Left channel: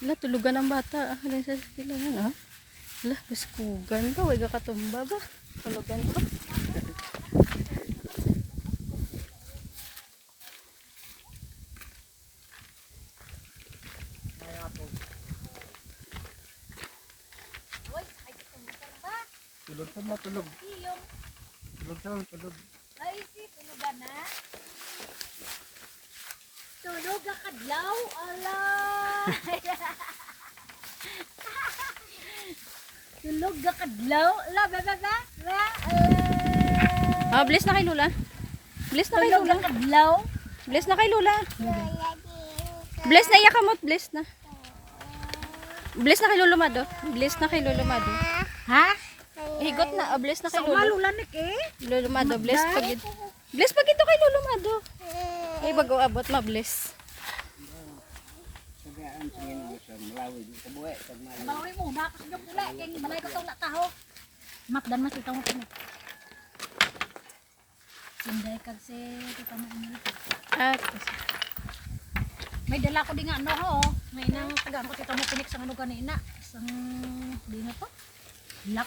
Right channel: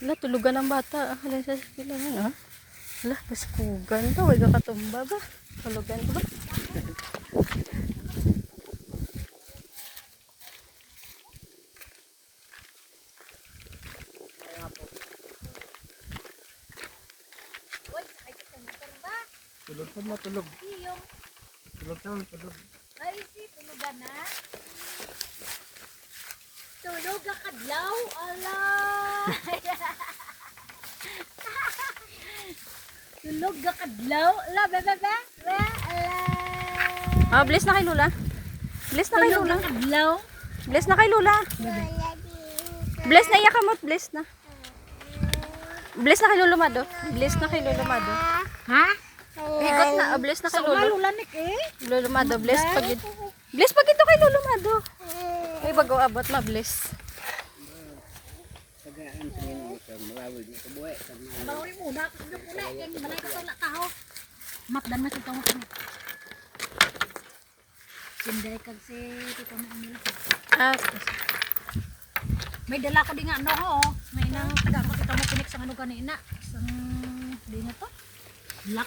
Hala, tulugan ng bata. Hala, sa silangan, ha? Hala, baskugan ba? Huwag katumba ba? Tulugan ko ba? Tulog po mo, tulog. Tulog daw, tulog. Ay, si tulugan na. Tulog ka kadlaw, ala. Tulog ka kadlaw, ala, ala. Ah, bless na kay Lula. Bless na kay Tulog Lula. ka kadlaw. Bless na kay Lula. Bless na iya kamot, bless na. Bless na kay Lolo Mado. Bless na kay Lolo Mado. Ha? Higot na, bless na kay Sa Lolo. malulanik eh. Lolo Mado, bless pag bless pag ito kay Lolo Mado. Ay bago abot ma-bless. Tagaan sa inyo, malawig, kabuhay. Bawi mo, dapat nyo pula. Kaya malay pa sa kaho. Matdan mas ito mo. Sinday kag si kita mo ini. Ah, May dala ko di nga ano ho. May nang taga ko kita mo pinik sa ano ganina. Sang di nga to. Lak.